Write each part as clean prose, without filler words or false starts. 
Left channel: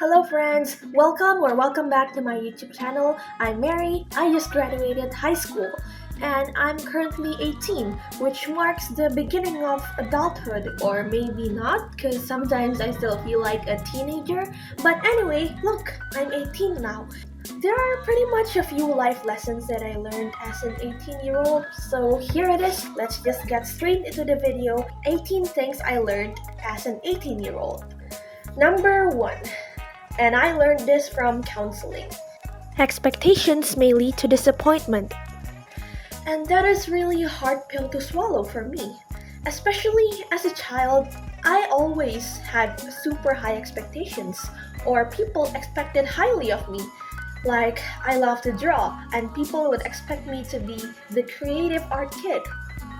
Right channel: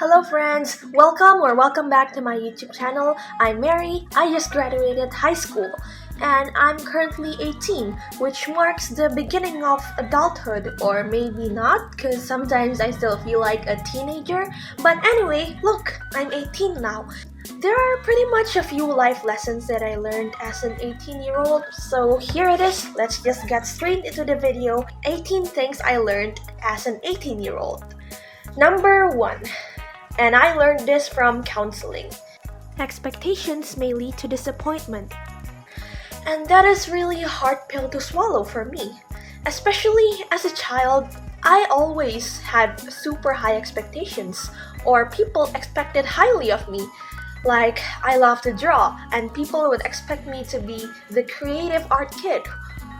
Hello friends, welcome back to my YouTube channel. I'm Mary. I just graduated high school and I'm currently 18, which marks the beginning of adulthood, or maybe not because sometimes I still feel like a teenager. But anyway, look, I'm 18 now. There are pretty much a few life lessons that I learned as an 18-year-old, so here it is. Let's just get straight into the video. 18 things I learned as an 18-year-old. Number 1. And I learned this from counseling. Expectations may lead to disappointment. And that is really a hard pill to swallow for me. Especially as a child, I always had super high expectations, or people expected highly of me. Like, I love to draw, and people would expect me to be the creative art kid.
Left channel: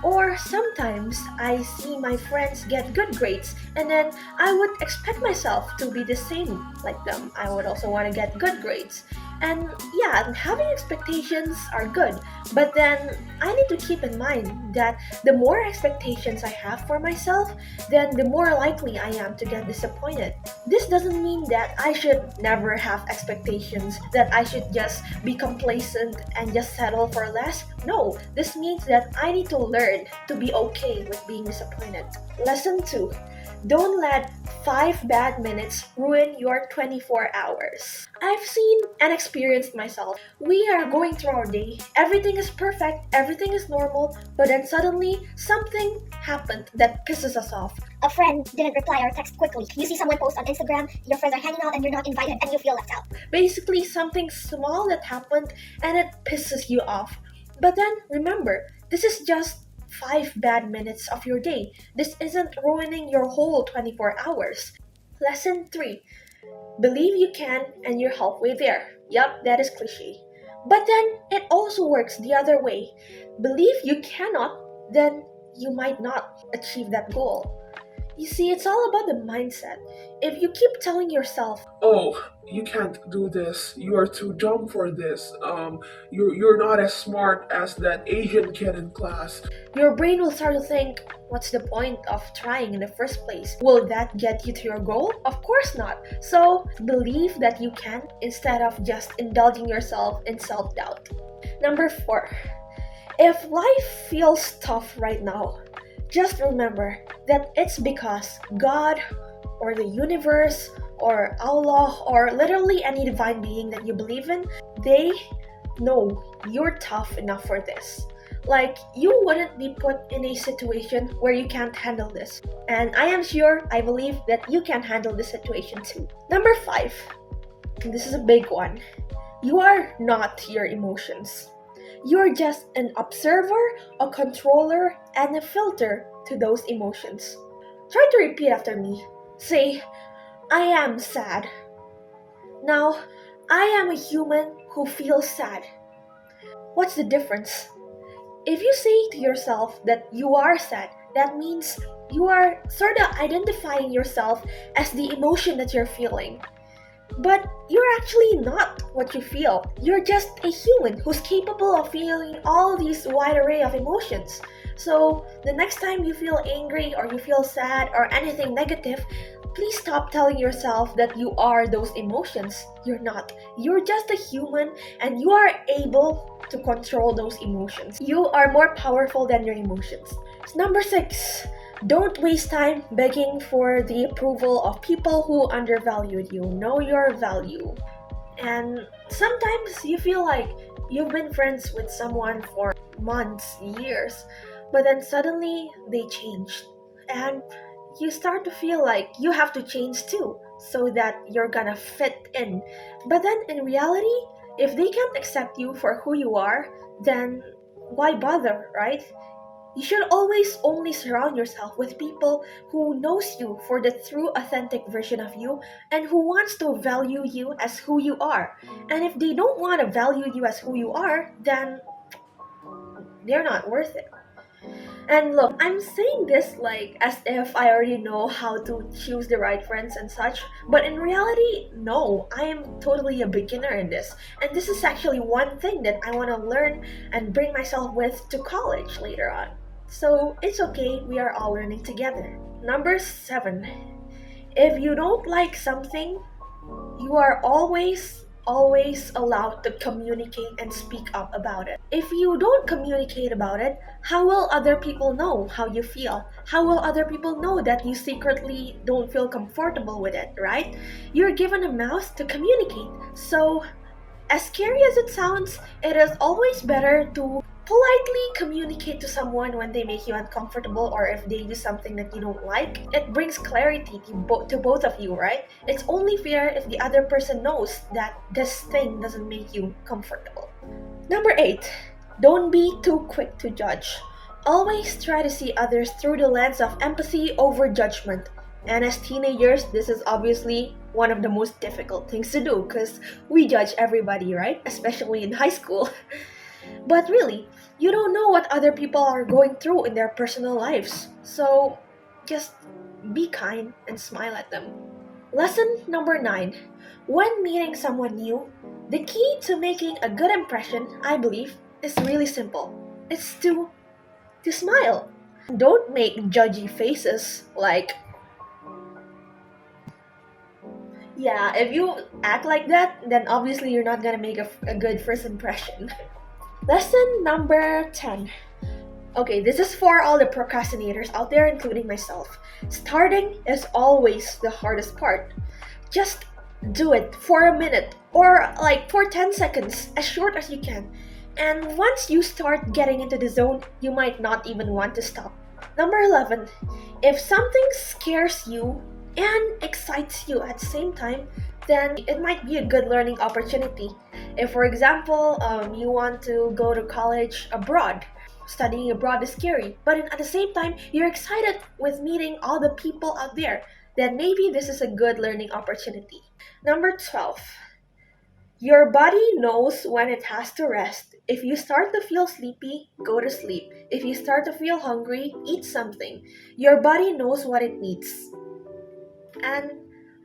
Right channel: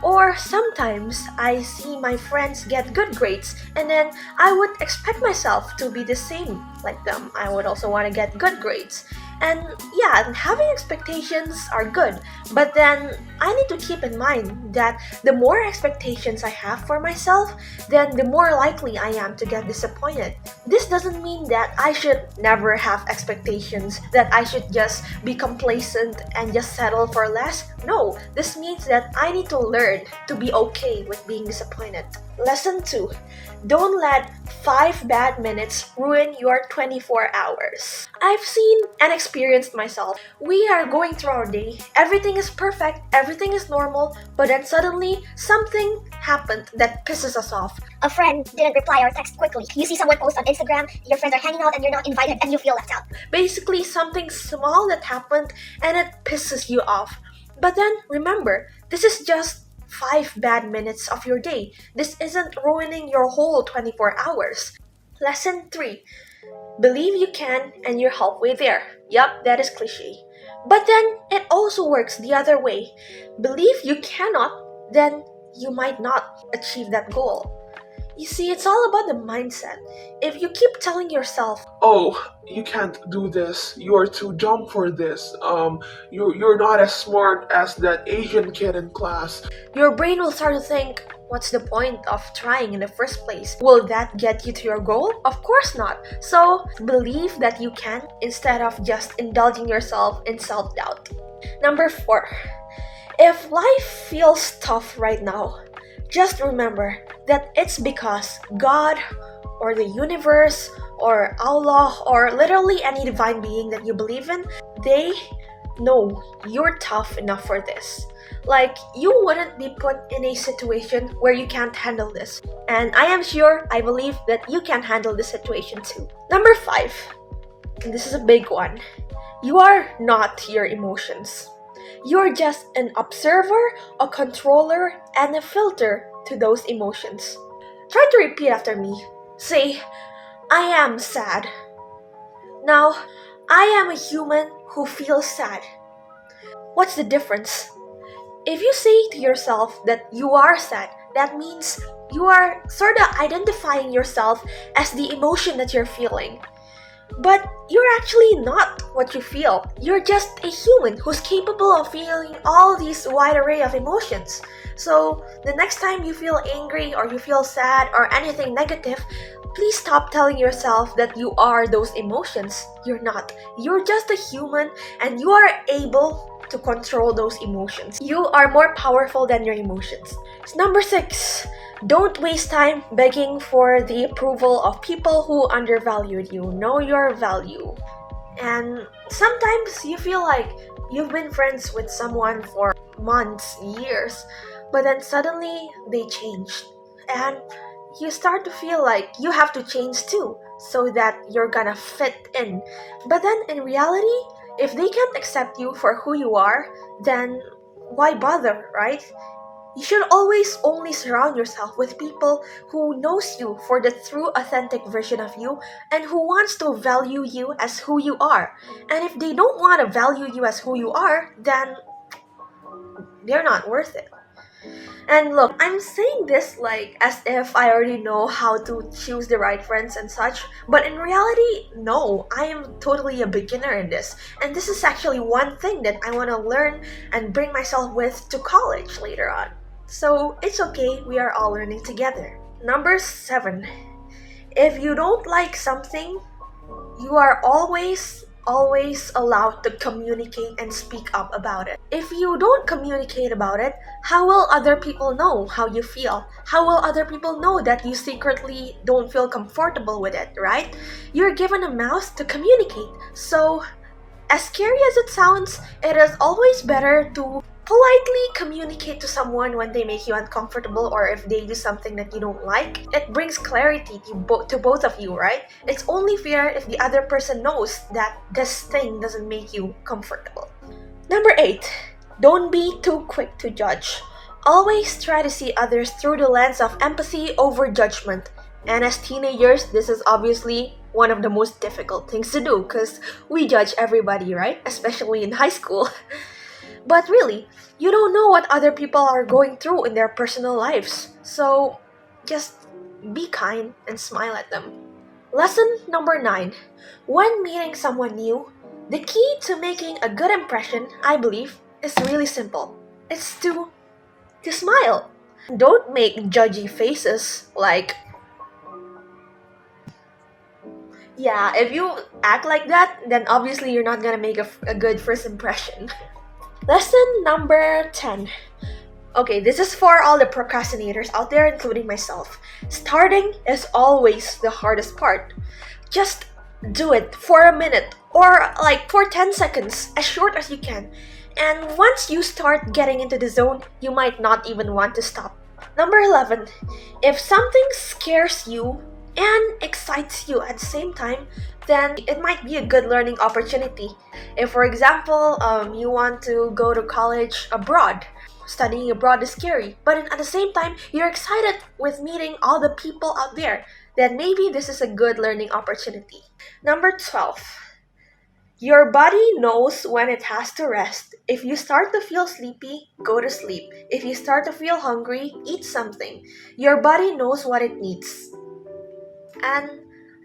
Or sometimes I see my friends get good grades and then I would expect myself to be the same like them. I would also want to get good grades. And yeah, having expectations are good, but then I need to keep in mind that the more expectations I have for myself, then the more likely I am to get disappointed. This doesn't mean that I should never have expectations, that I should just be complacent and just settle for less. No, this means that I need to learn to be okay with being disappointed. Lesson 2. Don't let 5 bad minutes ruin your 24 hours. I've seen and experienced myself. We are going through our day, everything is perfect, everything is normal, but then suddenly something happened that pisses us off. A friend didn't reply or text quickly. You see someone post on Instagram, your friends are hanging out and you're not invited and you feel left out. Basically, something small that happened and it pisses you off. But then remember, this is just 5 bad minutes of your day. This isn't ruining your whole 24 hours. Lesson 3. Believe you can and you're halfway there. Yup, that is cliche. But then it also works the other way. Believe you cannot, then you might not achieve that goal. You see, it's all about the mindset. If you keep telling yourself, "Oh, you can't do this. You are too dumb for this. You're not as smart as that Asian kid in class." your brain will start to think, what's the point of trying in the first place? Will that get you to your goal? Of course not. So believe that you can instead of just indulging yourself in self-doubt. Number 4. If life feels tough right now, just remember that it's because God or the universe or Allah or literally any divine being that you believe in, they know you're tough enough for this. Like, you wouldn't be put in a situation where you can't handle this. And I believe that you can handle this situation too. Number 5, and this is a big one. You are not your emotions. You're just an observer, a controller, and a filter to those emotions. Try to repeat after me. Say, I am sad. Now, I am a human who feels sad. What's the difference? If you say to yourself that you are sad, that means you are sort of identifying yourself as the emotion that you're feeling. But you're actually not what you feel. You're just a human who's capable of feeling all these wide array of emotions. So the next time you feel angry or you feel sad or anything negative, please stop telling yourself that you are those emotions. You're not. You're just a human and you are able to control those emotions. You are more powerful than your emotions. Number 6. Don't waste time begging for the approval of people who undervalued you. Know your value. And sometimes you feel like you've been friends with someone for months, years, but then suddenly they changed. And you start to feel like you have to change too, so that you're gonna fit in. But then in reality, if they can't accept you for who you are, then why bother, right? You should always only surround yourself with people who knows you for the true authentic version of you and who wants to value you as who you are. And if they don't want to value you as who you are, then they're not worth it. And look, I'm saying this like as if I already know how to choose the right friends and such, but in reality, no, I am totally a beginner in this. And this is actually one thing that I want to learn and bring myself with to college later on. So it's okay, we are all learning together. Number 7. If you don't like something, you are always allowed to communicate and speak up about it. If you don't communicate about it, how will other people know how you feel? How will other people know that you secretly don't feel comfortable with it, right? You're given a mouth to communicate. So, as scary as it sounds, it is always better to politely communicate to someone when they make you uncomfortable or if they do something that you don't like. It brings clarity to both of you, right? It's only fair if the other person knows that this thing doesn't make you comfortable. Number 8, don't be too quick to judge. Always try to see others through the lens of empathy over judgment. And as teenagers, this is obviously one of the most difficult things to do because we judge everybody, right? Especially in high school. But really, you don't know what other people are going through in their personal lives. So just be kind and smile at them. Lesson number 9. When meeting someone new, the key to making a good impression, I believe, is really simple. It's to smile. Don't make judgy faces like, yeah, if you act like that, then obviously you're not gonna make a good first impression. Lesson number 10. Okay, this is for all the procrastinators out there, including myself. Starting is always the hardest part. Just do it for a minute or like for 10 seconds, as short as you can. And once you start getting into the zone, you might not even want to stop. Number 11. If something scares you and excites you at the same time, then it might be a good learning opportunity. If, for example, you want to go to college abroad, studying abroad is scary, but at the same time, you're excited with meeting all the people out there, then maybe this is a good learning opportunity. Number 12. Your body knows when it has to rest. If you start to feel sleepy, go to sleep. If you start to feel hungry, eat something. Your body knows what it needs. And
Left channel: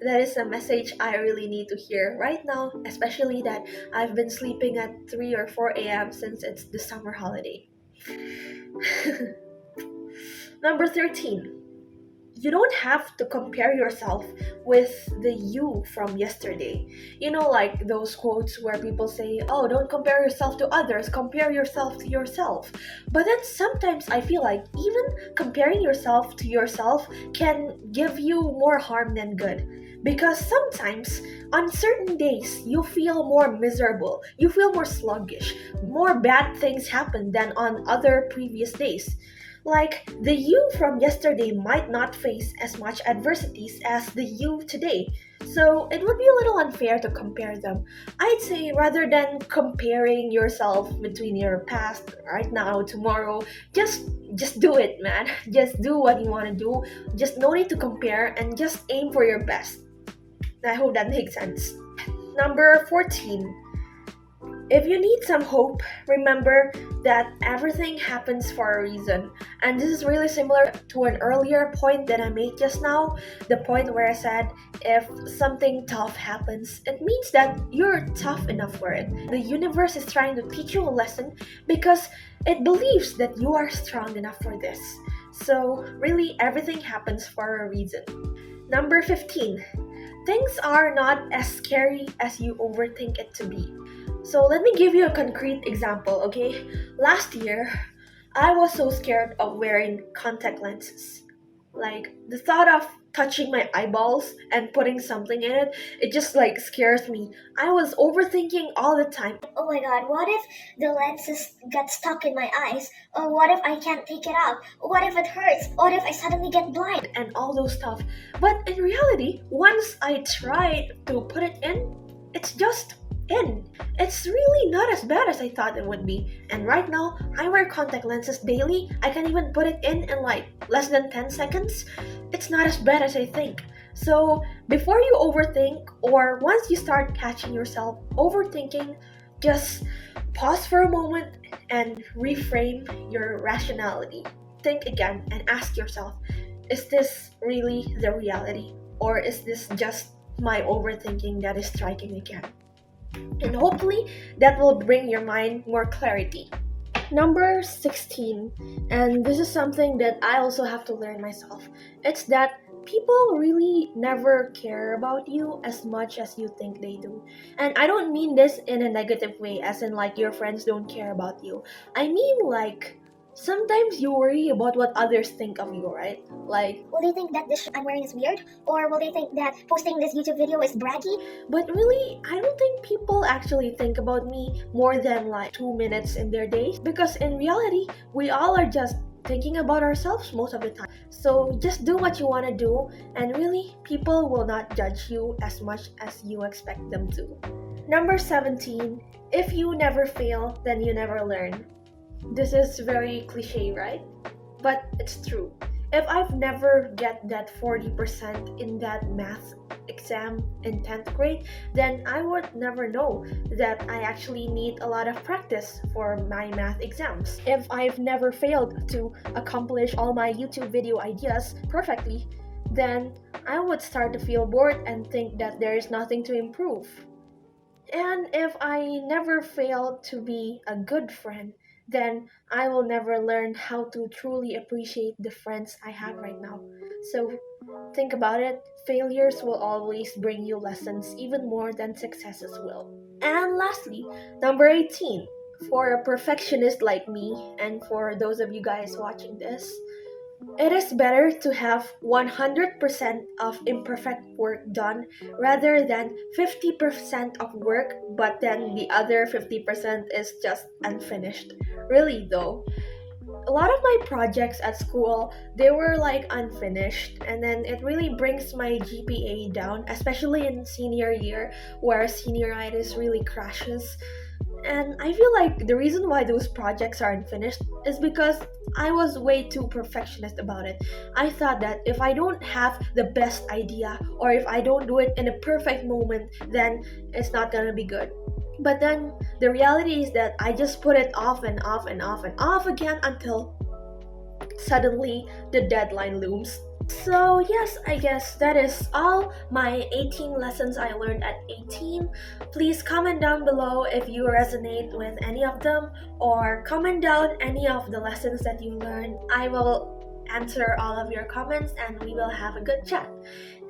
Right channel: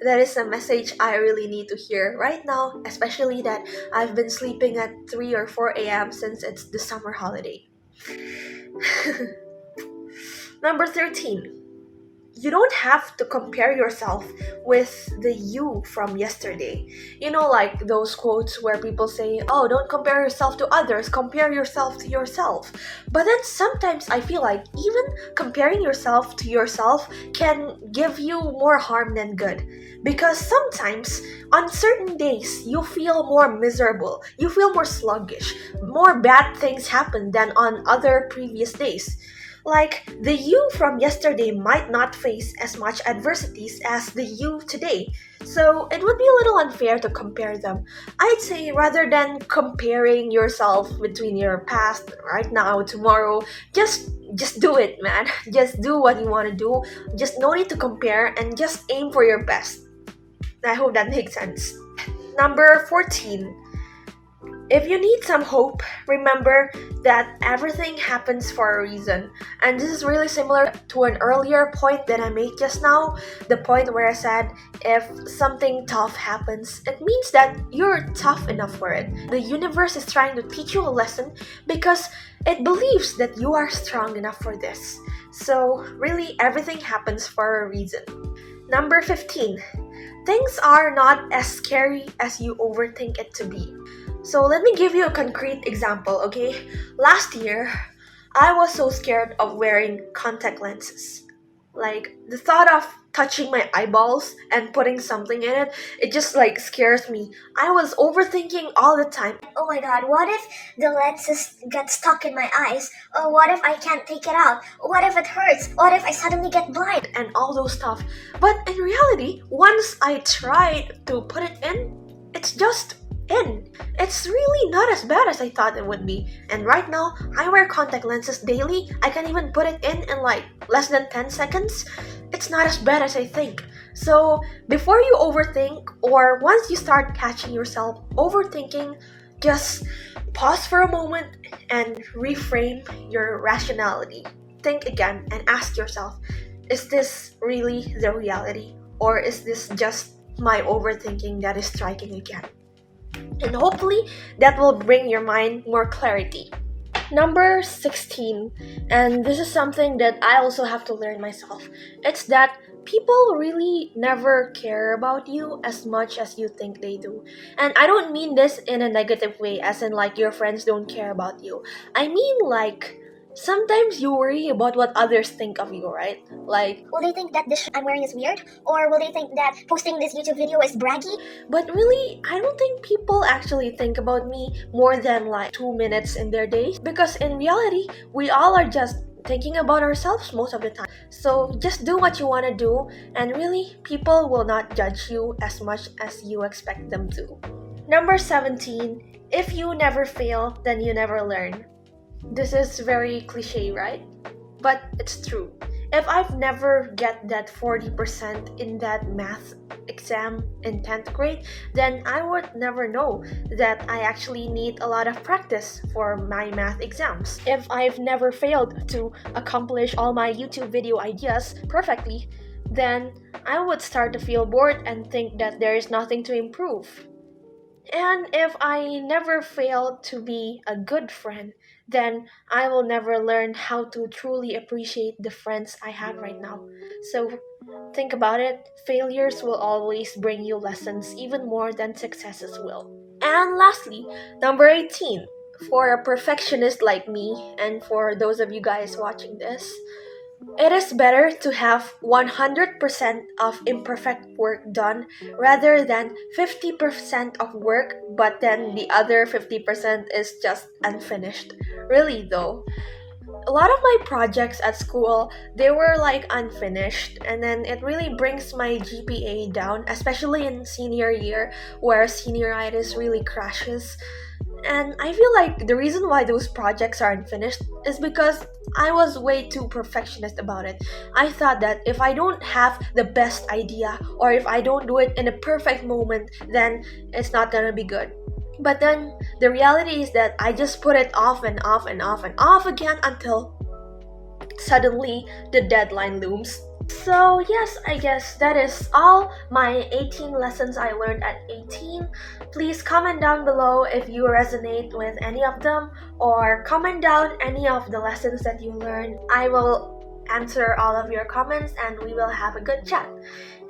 that is a message I really need to hear right now, especially that I've been sleeping at 3 or 4 a.m. since it's the summer holiday. Number 13. You don't have to compare yourself with the you from yesterday. You know, like those quotes where people say, oh, don't compare yourself to others, compare yourself to yourself. But then sometimes I feel like even comparing yourself to yourself can give you more harm than good. Because sometimes on certain days you feel more miserable, you feel more sluggish, more bad things happen than on other previous days. Like, the you from yesterday might not face as much adversities as the you today. So, it would be a little unfair to compare them. I'd say rather than comparing yourself between your past, right now, tomorrow, just do it, man. Just do what you want to do. Just no need to compare and just aim for your best. I hope that makes sense. Number 14. If you need some hope, remember that everything happens for a reason. And this is really similar to an earlier point that I made just now. The point where I said, if something tough happens, it means that you're tough enough for it. The universe is trying to teach you a lesson because it believes that you are strong enough for this. So really, everything happens for a reason. Number 15. Things are not as scary as you overthink it to be. So let me give you a concrete example, okay? Last year, I was so scared of wearing contact lenses. Like, the thought of touching my eyeballs and putting something in it, it just like scares me. I was overthinking all the time. Oh my god, what if the lenses get stuck in my eyes? Or what if I can't take it out? What if it hurts? What if I suddenly get blind? And all those stuff. But in reality, once I tried to put it in, it's just in. It's really not as bad as I thought it would be. And right now, I wear contact lenses daily. I can even put it in like less than 10 seconds. It's not as bad as I think. So before you overthink, or once you start catching yourself overthinking, just pause for a moment and reframe your rationality. Think again and ask yourself, is this really the reality? Or is this just my overthinking that is striking again? And hopefully that will bring your mind more clarity. Number 16, and this is something that I also have to learn myself. It's that people really never care about you as much as you think they do. And I don't mean this in a negative way, as in like your friends don't care about you. I mean like sometimes you worry about what others think of you, right? Like, Will they think that this I'm wearing is weird? Or will they think that posting this YouTube video is braggy? but really, I don't think people actually think about me more than like 2 minutes in their day. Because in reality, we all are just thinking about ourselves most of the time. So just do what you want to do, and really, people will not judge you as much as you expect them to. Number 17, if you never fail, then you never learn. This is very cliche, right? But it's true. If I've never get that 40% in that math exam in 10th grade, then I would never know that I actually need a lot of practice for my math exams. If I've never failed to accomplish all my YouTube video ideas perfectly, then I would start to feel bored and think that there is nothing to improve. And if I never fail to be a good friend, then I will never learn how to truly appreciate the friends I have right now. So think about it, failures will always bring you lessons even more than successes will. And lastly, number 18. For a perfectionist like me, and for those of you guys watching this, it is better to have 100% of imperfect work done rather than 50% of work, but then the other 50% is just unfinished. Really, though. A lot of my projects at school, they were like unfinished, and then it really brings my GPA down, especially in senior year where senioritis really crashes. And I feel like the reason why those projects are unfinished is because I was way too perfectionist about it. I thought that if I don't have the best idea or if I don't do it in a perfect moment, then it's not gonna be good. But then the reality is that I just put it off and off and off and off again until suddenly the deadline looms. So, yes, I guess that is all my 18 lessons I learned at 18. Please comment down below if you resonate with any of them, or comment down any of the lessons that you learned. I will answer all of your comments and we will have a good chat.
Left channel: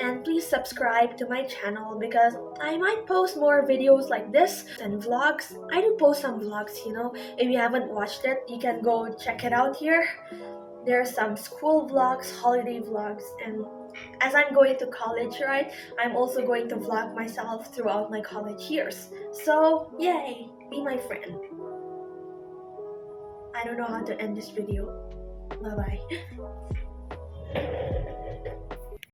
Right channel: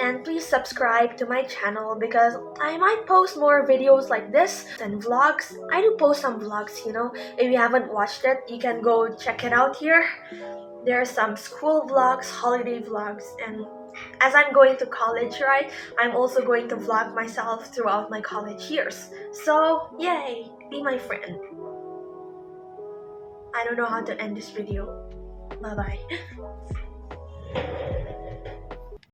And please subscribe to my channel because I might post more videos like this and vlogs. I do post some vlogs, you know. If you haven't watched it, you can go check it out here. There are some school vlogs, holiday vlogs, and as I'm going to college, right, I'm also going to vlog myself throughout my college years. So, yay, be my friend. I don't know how to end this video. Bye bye.